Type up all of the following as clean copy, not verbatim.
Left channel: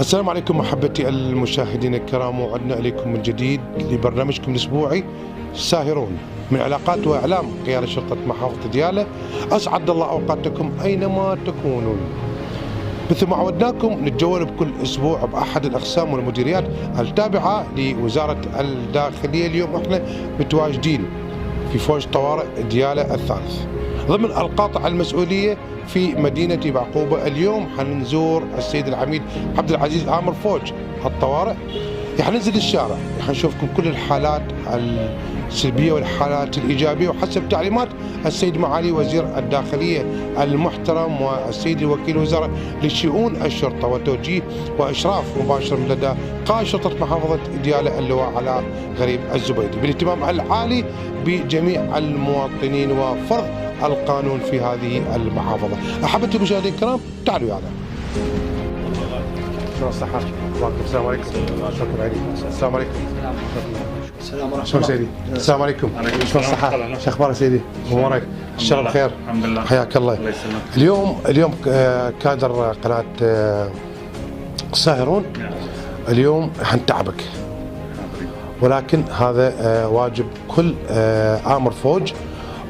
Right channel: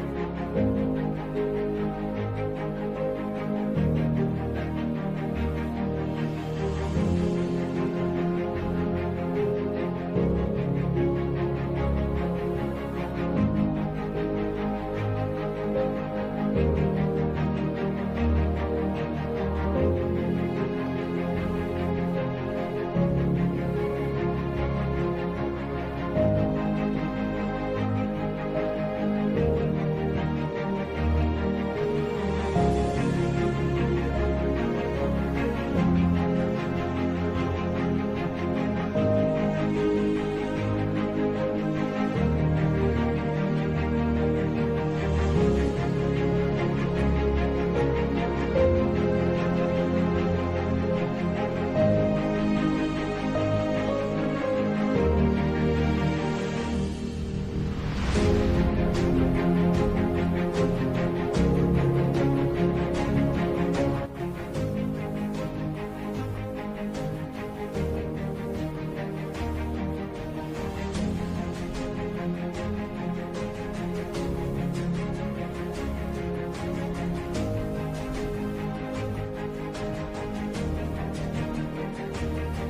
السلام عليكم محبتي المشاهدين الكرام، وعدنا اليكم من جديد لبرنامجكم الاسبوعي ساهرون من علاقات واعلام قيادة شرطة محافظة ديالى. اسعد الله اوقاتكم اينما تكونون. مثل ما عودناكم نتجول بكل اسبوع باحد الاقسام والمديريات التابعه لوزاره الداخليه. اليوم احنا متواجدين في فوج طوارئ ديالى الثالث ضمن القاطع المسؤوليه في مدينة بعقوبة. اليوم حنزور السيد العميد عبد العزيز آمر فوج الطوارئ. حننزل الشارع، حنشوفكم كل الحالات السلبية والحالات الإيجابية وحسب تعليمات السيد معالي وزير الداخلية المحترم والسيد الوكيل الوزراء لشؤون الشرطة، وتوجيه وإشراف مباشر من لدى قائد شرطة محافظة ديالى اللواء على غريب الزبيدي بالاهتمام العالي بجميع المواطنين وفرض القانون في هذه المحافظة. أحبتي المشاهدين الكرام، تعالوا يلا. السلام عليكم. السلام عليكم. شلون سيدي؟ السلام عليكم. شلون الصحة؟ شو أخبارك سيدي؟ أمورك؟ الشرف بخير؟ الحمد لله. حياك الله. اليوم كادر قناة ساهرون اليوم حنتعبك، ولكن هذا واجب كل آمر فوج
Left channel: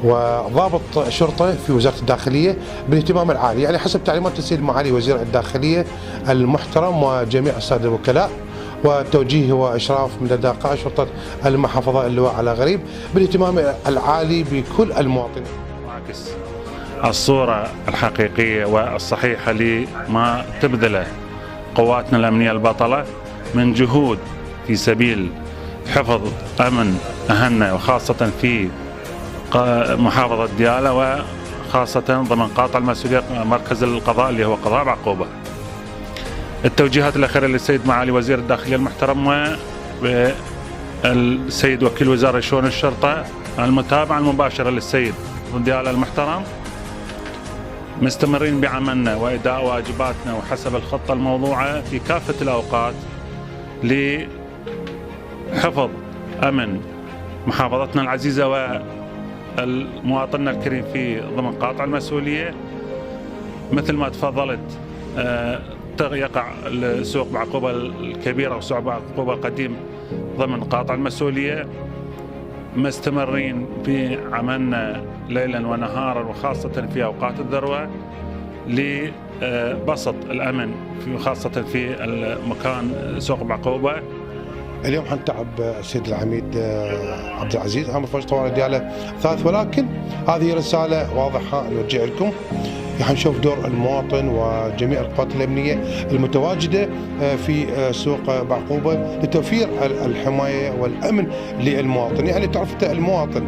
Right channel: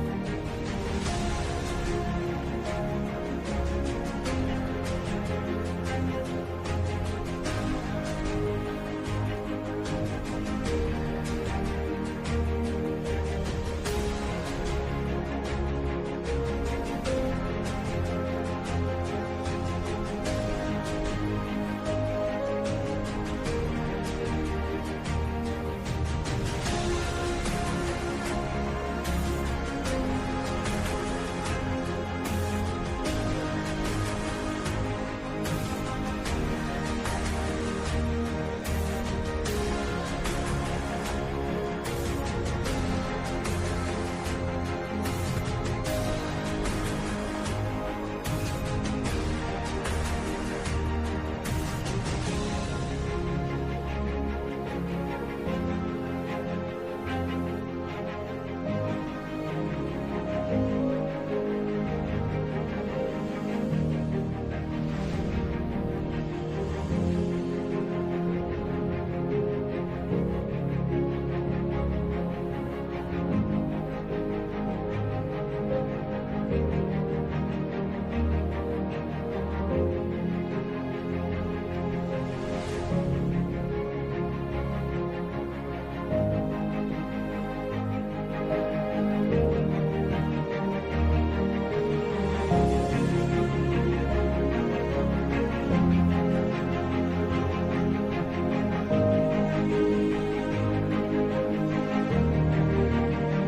وضابط شرطه في وزاره الداخليه بالاهتمام العالي، يعني حسب تعليمات السيد معالي وزير الداخليه المحترم وجميع الساده الوكلاء، وتوجيه واشراف من لدى قائد شرطه المحافظه اللواء على غريب بالاهتمام العالي بكل المواطنين. الصوره الحقيقيه والصحيحه لما تبذله قواتنا الامنيه البطله من جهود في سبيل حفظ امن اهلنا، وخاصه في محافظة ديالى وخاصة ضمن قاطع المسؤولية مركز القضاء اللي هو قضاء بعقوبة. التوجيهات الأخيرة للسيد معالي وزير الداخلية المحترم والسيد وكيل وزارة شؤون الشرطة، المتابعة المباشرة للسيد ديالى المحترم، مستمرين بعملنا وإداء واجباتنا وحسب الخطة الموضوعة في كافة الأوقات لحفظ أمن محافظتنا العزيزة المواطننا الكريم في ضمن قاطع المسؤولية. مثل ما تفضلت يقع سوق بعقوبة الكبيرة وسوق بعقوبة القديم ضمن قاطع المسؤولية، مستمرين في عملنا ليلا ونهارا وخاصة في أوقات الذروة لبسط الأمن خاصة في المكان سوق بعقوبة. اليوم حنتعب السيد العميد عبد العزيز آمر فوج طوارئ ديالى ثالث، ولكن هذه رسالة واضحة نوجه لكم. حنشوف دور المواطن وجميع القوات الأمنية المتواجدة في سوق بعقوبة لتوفير الحماية والأمن للمواطن. يعني تعرف المواطن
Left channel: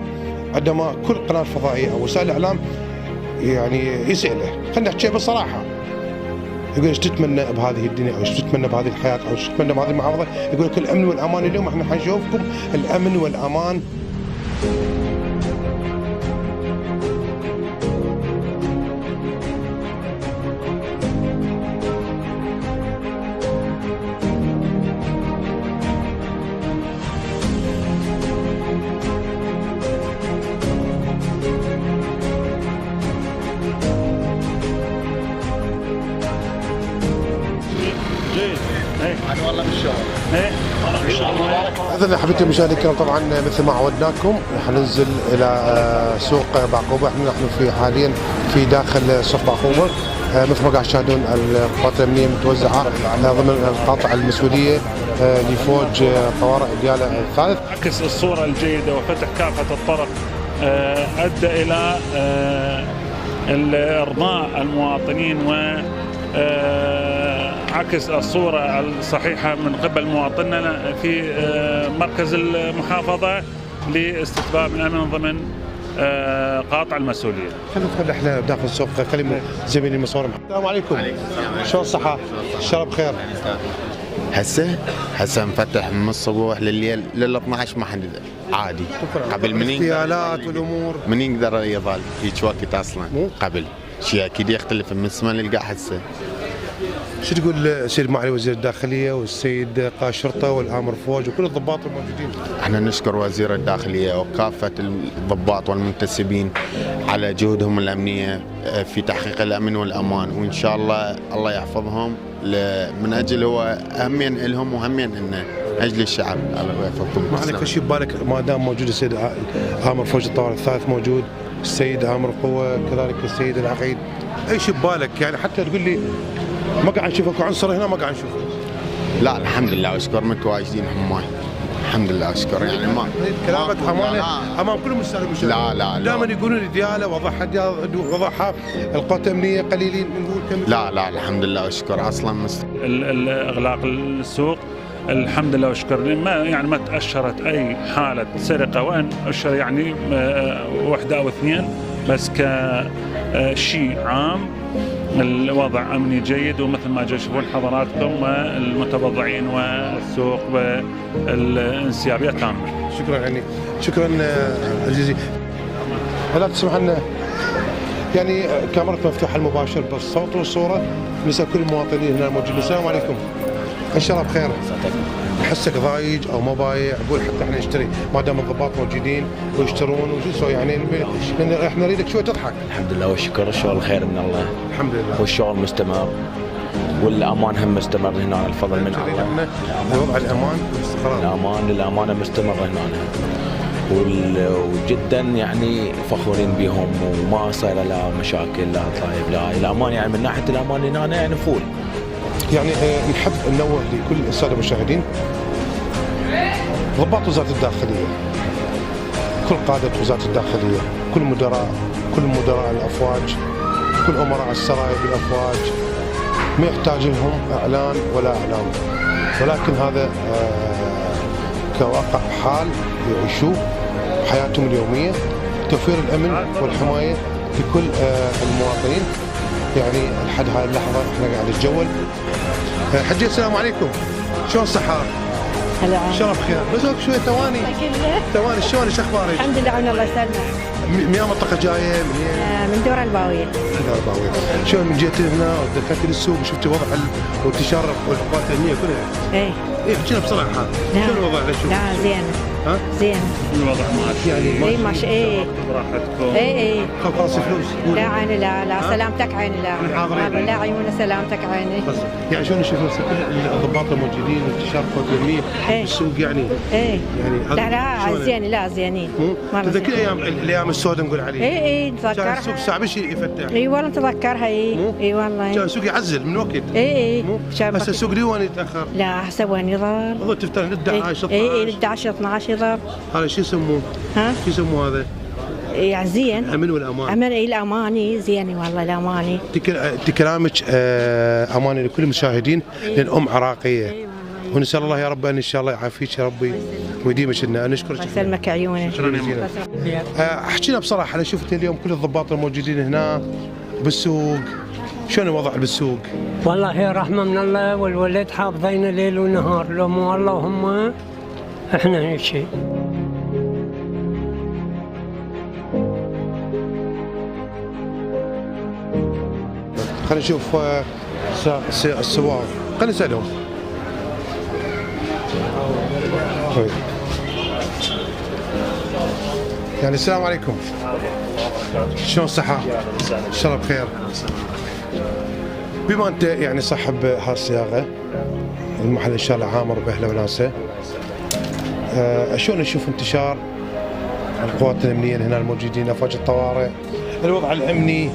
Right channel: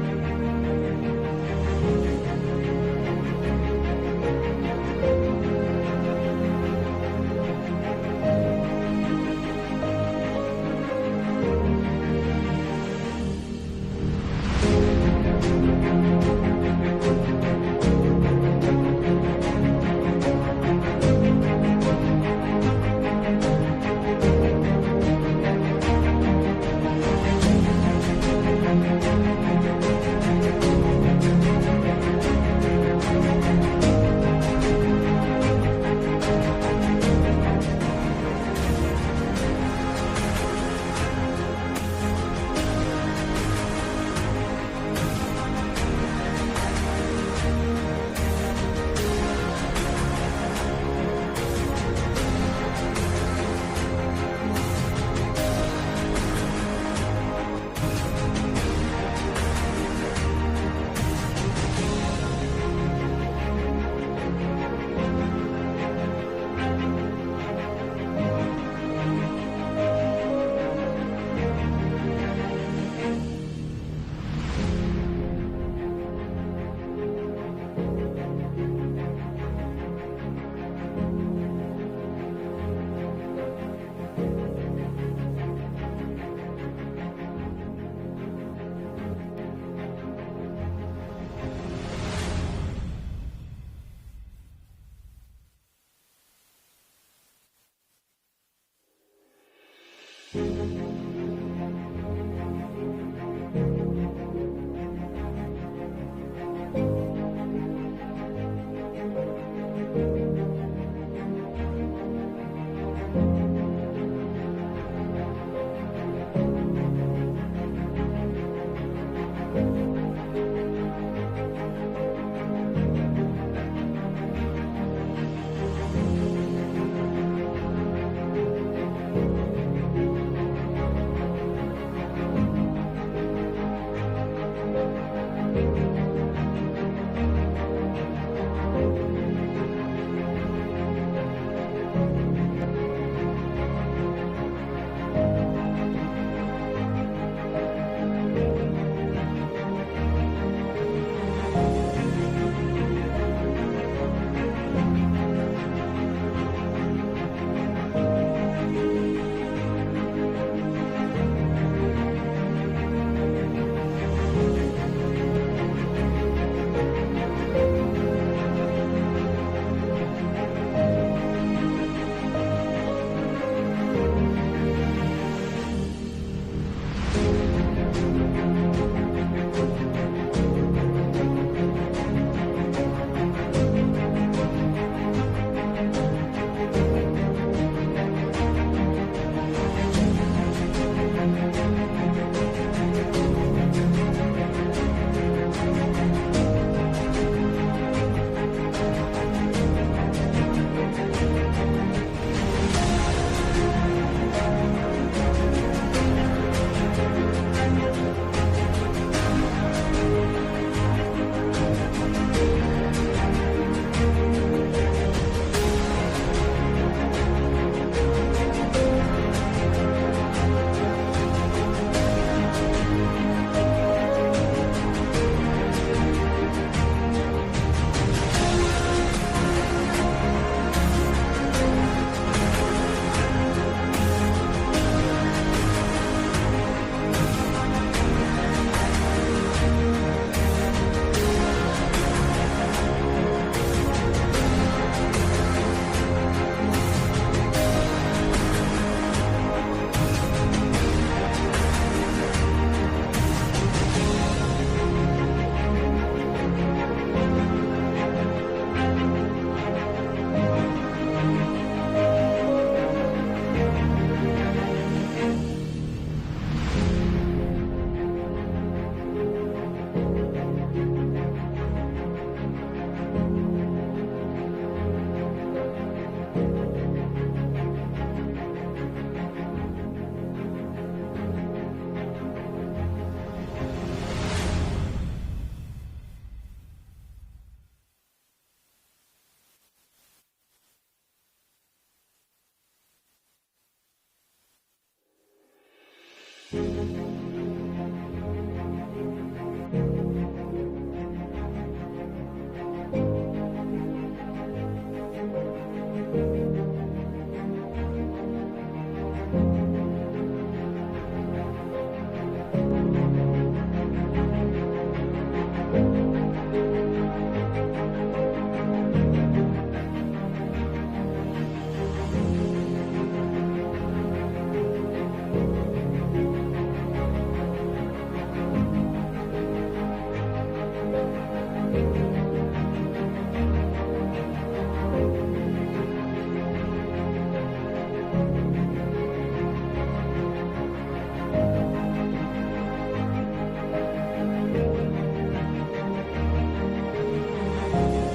عندما كل قناة فضائية أو وسائل الإعلام يعني يسأله، خلينا نحكي بصراحة، يقول ايش تتمنى بهذه الدنيا، او ايش تتمنى بهذه الحياه، او ايش تتمنى بهذه المحافظه، يقول لك الامن والامان. اليوم احنا حنشوفكم الامن والامان. إذن أحبتي المشاهدين الكرام، طبعا مثل ما عودناكم حننزل إلى سوق بعقوبة. نحن حاليا في داخل سوق بعقوبة، مثل ما قاعد تشاهدون القوات الأمنية متوزعة ضمن القاطع المسؤولية لفوج طوارئ ديالى الثالث. عكس الصورة الجيدة وفتح كافة الطرق أدى إلى إرضاء المواطنين و عكس الصورة الصحيحة من قبل مواطننا في مركز المحافظة لاستتباب الأمن ضمن قاطع المسؤولية. خلينا ندخل احنا داخل السوق، كلمة زميلي المصور. السلام عليكم. شلون الصحة؟ الشرف بخير؟ هسه مفتح من الصبح لليل لل 12 ما حد عادي. قبل من الاغتيالات والامور من يقدر يظل هيك وقت اصلا قبل شيء اكيد يختلف من الزمن اللي قاعد هسه. شو تقول السيد معالي وزير الداخليه والسيد قائد الشرطه والامر فوج وكل الضباط الموجودين؟ احنا نشكر وزير الداخليه وكافه الضباط والمنتسبين على جهودهم الامنيه في تحقيق الامن والامان، وان شاء الله الله يحفظهم من اجل هو همين لهم وهمين لنا اجل الشعب. الله يحفظكم. ما عليك شيء ببالك ما دام موجود السيد امر فوج الطوارئ الثالث موجود، السيد امر قوه كذلك السيد العقيد، اي شيء ببالك يعني حتى تقول لي ما قاعد نشوفك عنصر هنا ما قاعد نشوفك؟ لا الحمد لله واشكر متواجدين حماي، الحمد لله اشكر يعني ما كلامك امانه امام كل المشاهدين. لا دائما يقولون دياله وضحها القوات الامنيه قليلين بنقول كم. لا الحمد لله اشكر اصلا اغلاق السوق الحمد لله واشكر ما تأشرت اي حاله سرقه، وان اشر يعني وحده او اثنين بس كشيء عام الوضع امني جيد، ومثل ما تشوفون حضراتكم المتبضعين والسوق والانسيابيه تامه. شكرا يعني شكرا عزيزي. ولا تسمح لنا يعني كاميرا مفتوحه المباشر بالصوت والصوره نسال كل المواطنين هنا الموجودين. السلام عليكم، ان شاء الله بخير. احسك ضايج او ما بايع، اقول حتى احنا نشتري ما دام الضباط موجودين ويشترون ويسوي يعني احنا نريدك شوي تضحك. الحمد لله والشكر، الشغل خير من الله الحمد لله، والشغل مستمر والامان هم مستمر هنا، الفضل من الله. وضع الامان الامانه مستمره هنا وجدا يعني فخورين بهم، وما صار لا مشاكل لا ضرائب لا الامان، يعني من ناحيه الامان هنا يعني فول. يعني نحب ننوه لكل الساده المشاهدين ضباط وزاره الداخليه، كل قاده وزاره الداخليه، كل مدراء الافواج، كل امراء السرايا بالافواج ما يحتاج لهم اعلان ولا اعلام، ولكن هذا كواقع حال يعيشوه حياتهم اليوميه، توفير الامن والحمايه لكل المواطنين. يعني لحد هذه اللحظه احنا قاعد نتجول. حجي السلام عليكم، شلون الصحه؟ هلا شلون بخير؟ بزورك شوي ثواني شلون ايش اخبارك؟ الحمد لله على الله يسلمك. من اي منطقه جايه؟ من دور الباويه. شلون جيت هنا دخلت السوق شفت وضع وانتشار القوات الامنيه كله؟ ايه احكي لنا بصراحه شلون الوضع؟ لا زين ها؟ زين الوضع معك يعني ايه ماشي ايه راحتكم ايه خلاص فلوس لا عيني لا سلامتك عيني لا عيوني سلامتك عيني. يعني شلون نشوف الضباط الموجودين انتشار القوات الامنيه إيه. السوق يعني ايه يعني لا زين لا زينين تذكر ايام السوداء نقول عليه؟ ايه كان نتذكرها. السوق صعب شيء يفتح. اي والله نتذكرها اي والله. كان السوق يعزل من وقت. ايه بس السوق ليوان يتاخر. لا حسب وين يضل. والله تفتح 11 12. ايه 11 12 يضل. هذا شو يسموه؟ ها؟ شو يسموه هذا؟ يعني زين. الامن والامان. امن اي الاماني زين والله الاماني. كلامك اماني لكل المشاهدين لان عراقيه. ونسال الله يا رب ان شاء الله يعافيك يا ربي ويديمك لنا. نشكرك. يسلمك عيوني. شكرا جزيلا. احكي لنا بصراحه انا شفت اليوم كل الضباط الموجودين هنا بالسوق، شلون الوضع بالسوق؟ والله هي رحمه من الله والولد حافظين ليل ونهار، لو مو الله هم احنا هيك شيء. خلينا نشوف السواق، خلينا نسالهم. يعني السلام عليكم، شلون الصحة؟ إن شاء الله بخير. بما أنت يعني صاحب هالسياقة المحل إن شاء الله عامر بأهله وناسه، شلون نشوف انتشار القوات الأمنية هنا الموجودين أفواج الطوارئ، الوضع الأمني؟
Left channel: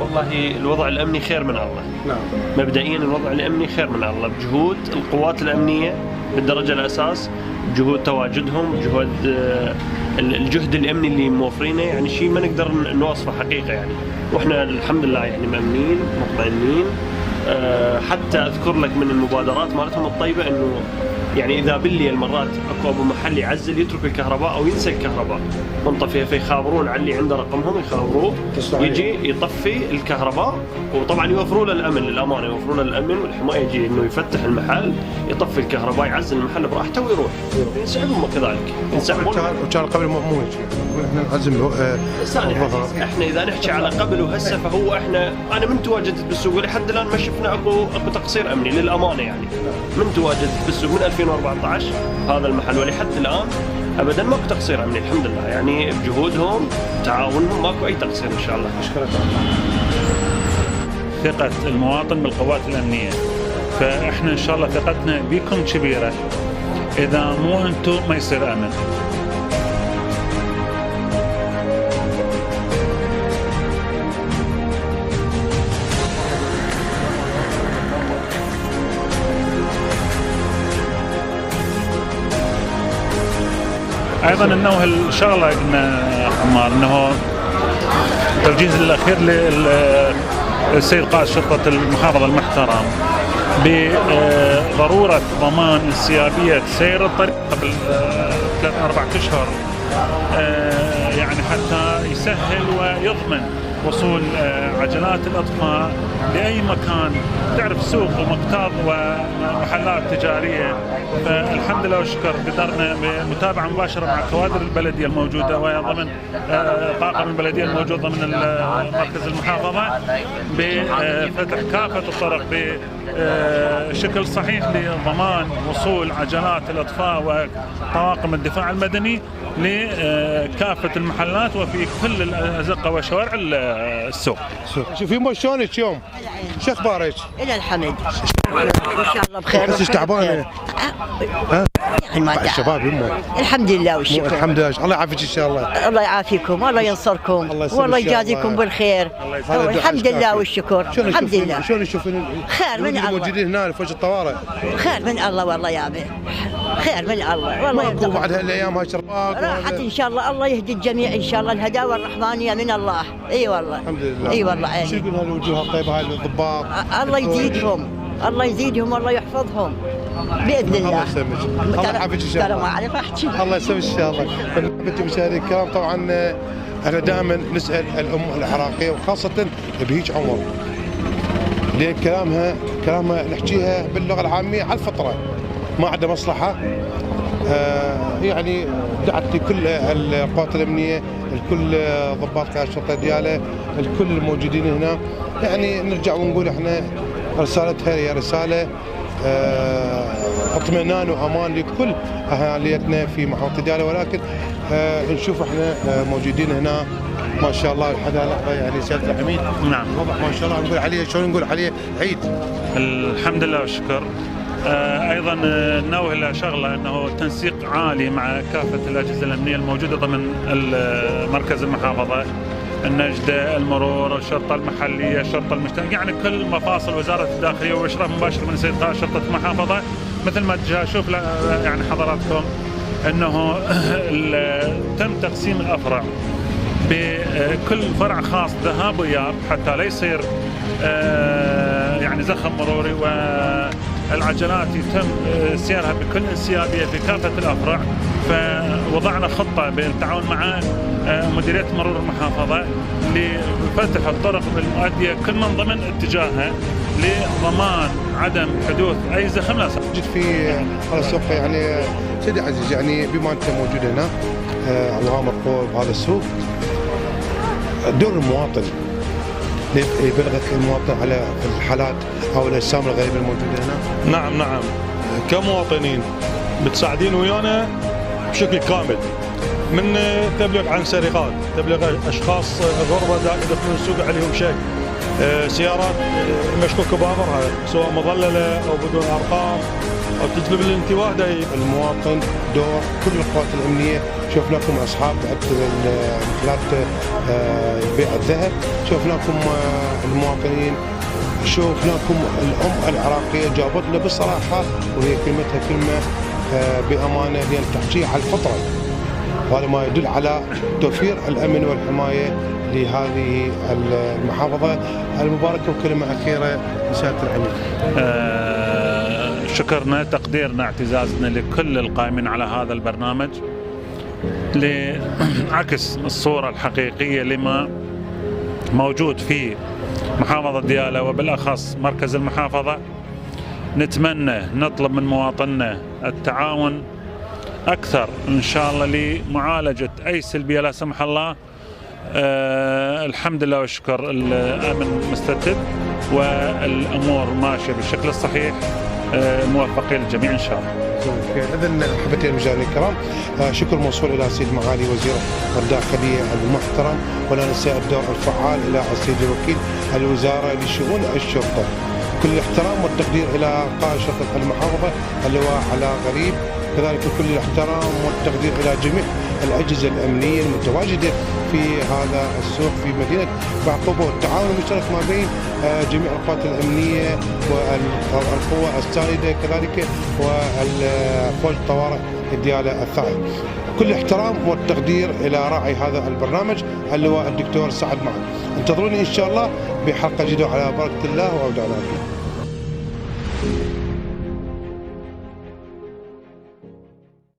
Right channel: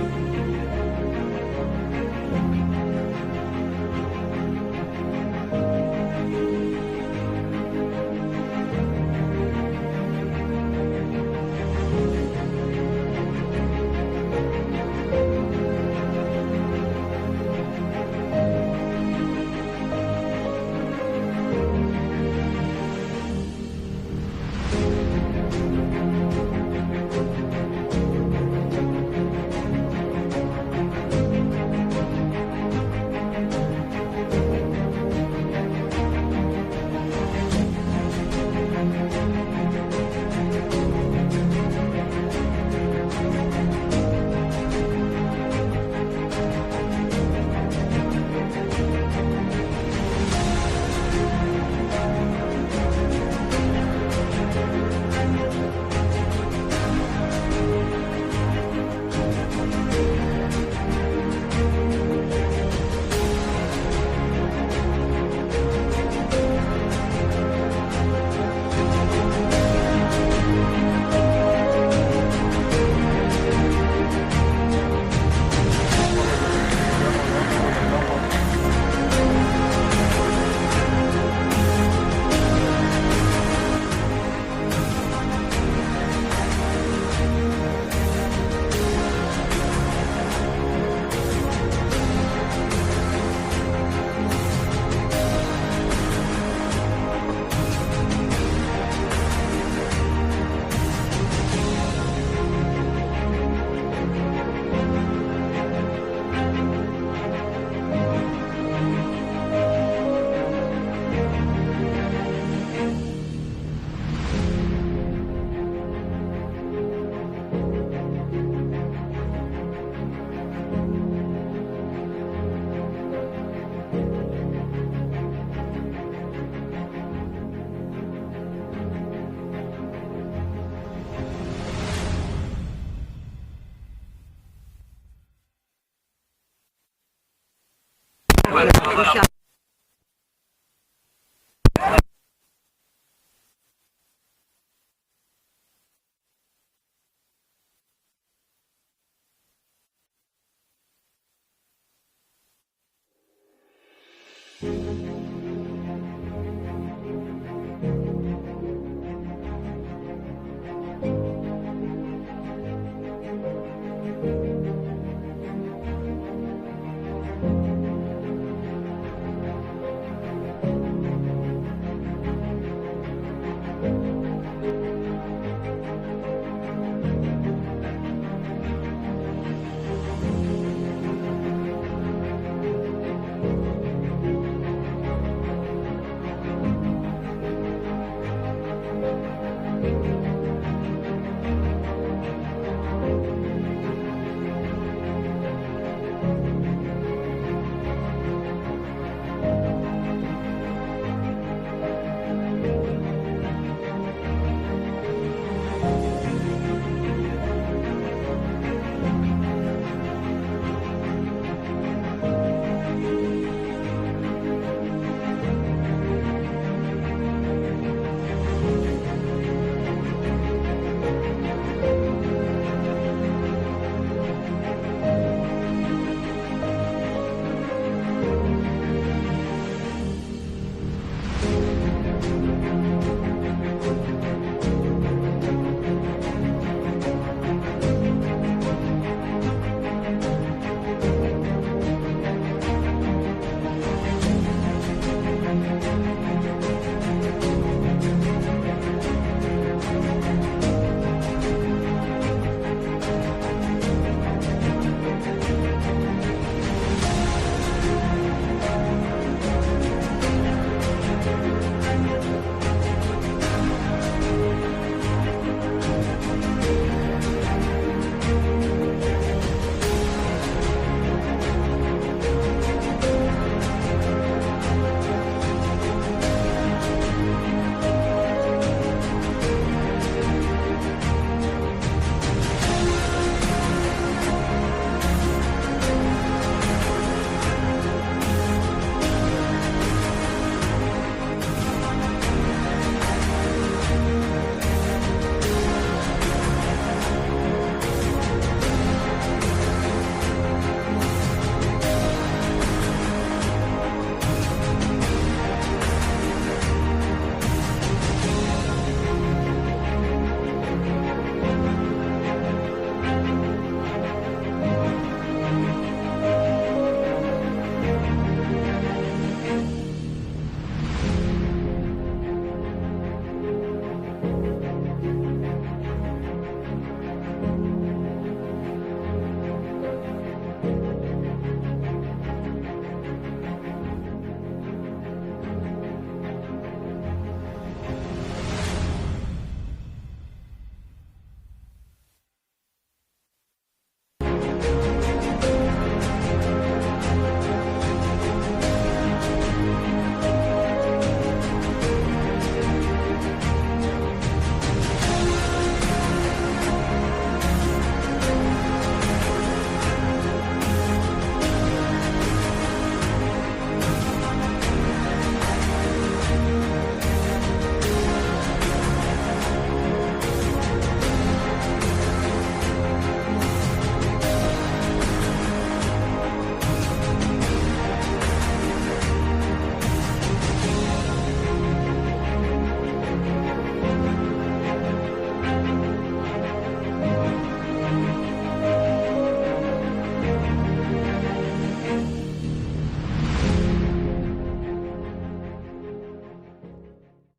والله الوضع الامني خير من الله. نعم. مبدئيا الوضع الامني خير من الله بجهود القوات الامنيه بالدرجه الاساس، جهود تواجدهم، جهود الجهد الامني اللي موفرينه، يعني شيء ما نقدر نوصفه حقيقه يعني. واحنا الحمد لله يعني مأمنين مطمئنين. حتى اذكر لك من المبادرات مالتهم الطيبه انه يعني اذا بالليل مرات اكو ابو محل يعزل يترك الكهرباء او ينسى الكهرباء منطفيه، فيخابرون على اللي عنده رقمهم يخابروه يجي يطفي الكهرباء، وطبعا يوفروا له الامن للامانه، يوفرون له الامن والحمايه، يجي انه يفتح المحل يطفي الكهرباء يعزل المحل براحته ويروح. ينسحبون كذلك ينسحبون. كان قبل مو احنا نعزم احنا اذا نحكي على قبل وهسه فهو انا من تواجدت بالسوق لحد الان ما شفنا اكو تقصير امني للامانه يعني. من تواجدت بالسوق من 2014 هذا المحل ولحد الان ابدا ماكو تقصير امني الحمد لله، يعني بجهودهم تعاونهم ماكو اي تقصير ان شاء الله. ثقة المواطن بالقوات الأمنية، فإحنا إن شاء الله ثقتنا بكم كبيرة، إذا مو أنتم ما يصير أمن. أيضا أنه الشغلة إن عمار أنه التوجيه الأخير للسيد قائد شرطة المحافظة المحترم بضرورة ضمان انسيابية سير الطريق قبل 3-4 أشهر، يعني حتى يسهل ويضمن وصول عجلات الأطفاء لأي مكان. تعرف سوق ومقتاض ومحلات تجارية، فالحمد لله والشكر قدرنا بمتابعة مباشرة مع كوادر البلدية الموجودة وضمن طاقم البلدية الموجود ضمن مركز المحافظة بفتح كافة الطرق بشكل صحيح لضمان وصول عجلات الأطفاء وطواقم الدفاع المدني لكافة المحلات وفي كل الأزقة وشوارع السوق. شوفي شلونك يوم؟ شو اخبارك؟ الى الحمد ان شاء الله بخير. بس تعبانه؟ يعني ما الشباب يمه الحمد لله والشكر. الحمد لله، الله يعافيك ان شاء الله. الله يعافيكم والله ينصركم والله يجازيكم بالخير. الحمد لله والشكر. الحمد لله. شلون يشوفون خير من الله الموجودين هنا في وجه الطوارئ؟ خير من الله والله يا ابي، خير من الله والله. ماكو بعد هالايام هاي شرطات راحت ان شاء الله. الله يهدي الجميع ان شاء الله. الهداوه الرحمانيه من الله. اي والله الحمد لله. اي والله. شو يقول هالوجوه الطيبه هاي للضباط؟ الله يزيدهم، الله يزيدهم والله يحفظهم باذن الله. الله يسلمك، الله يعافيك ان شاء الله. ترى ما اعرف احكي. الله يسلمك ان شاء الله. بنتي مشاهدي الكرام، طبعا احنا دائما نسال الام العراقيه وخاصه بهيج عمر، لان كلامها نحكيها باللغه العاميه على الفطره، ما عنده مصلحه. يعني دعت لكل القوات الامنيه، الكل ضباط قيادة الشرطه دياله، الكل الموجودين هنا، يعني نرجع ونقول احنا رسالتها هي رساله اطمئنان وامان لكل اهاليتنا في محافظه دياله، ولكن نشوف احنا موجودين هنا ما شاء الله الحدائق يعني سياده العميد. نعم. ما شاء الله نقول عليه شلون نقول عليه عيد. الحمد لله والشكر. ايضا ننوه الى شغله انه تنسيق عالي مع كافه الاجهزه الامنيه الموجوده ضمن مركز المحافظه، النجده، المرور، الشرطه المحليه، الشرطه المشتركه، يعني كل مفاصل وزاره الداخليه واشراف مباشر من السيد قائد شرطه المحافظه. مثل ما اشوف يعني حضراتكم انه تم تقسيم الافرع بكل فرع خاص ذهاب واياب حتى لا يصير يعني زخم مروري، والعجلات يتم سيرها بكل انسيابيه في كافه الافرع. فوضعنا خطه بالتعاون مع مديريه مرور المحافظه لفتح الطرق المؤديه كل من ضمن اتجاهها لضمان عدم حدوث اي زخم. لا جيت في السوق يعني سيدي عزيز، يعني بما انت موجود هنا الله مركور بهذا السوق، دور المواطن يبلغ المواطن على الحالات او الاجسام الغريبه الموجوده هنا. نعم كمواطنين بتساعدين ويانا بشكل كامل، من تبليغ عن سرقات، تبليغ اشخاص غربة داخل السوق عليهم شيء، سياره مشكوك بامرها سواء مظلله او بدون ارقام او تجلب الانتباه دايما. المواطن دور كل القوات الامنيه. شوف لكم اصحاب محلات بيع الذهب، شوف لكم المواطنين، شوف لكم الام العراقيه جاوبتنا بصراحه وهي كلمتها كلمه بامانه هي تحكي على الفطره، وهذا ما يدل على توفير الامن والحمايه لهذه المحافظه المباركه. وكلمه اخيره لسياده العميد. شكرنا، تقديرنا، اعتزازنا لكل القائمين على هذا البرنامج لعكس الصورة الحقيقية لما موجود في محافظة ديالى وبالأخص مركز المحافظة. نتمنى نطلب من مواطننا التعاون أكثر إن شاء الله لمعالجة أي سلبية لا سمح الله. الحمد لله والشكر، الأمن مستتب والأمور ماشية بالشكل الصحيح. موفقين الجميع إن شاء الله. إذن أحبتي المشاهدين الكرام، شكر موصول إلى سيد معالي وزير الداخلية المحترم، ولا ننسى الدور الفعال إلى السيد الوكيل الوزارة لشؤون الشرطة. كل الاحترام والتقدير إلى قائد شرطة المحافظة اللواء علاء غريب، كذلك كل الاحترام والتقدير إلى جميع الأجهزة الأمنية المتواجدة في هذا السوق في مدينة بعقوبة، والتعاون المشترك ما بين جميع القوات الأمنية والقوى السائدة كذلك وفوج الطوارئ ديالى الثاني. كل احترام والتقدير إلى راعي هذا البرنامج اللواء الدكتور سعد معاذ. انتظروني إن شاء الله بحلقة جديدة على بركة الله وعود على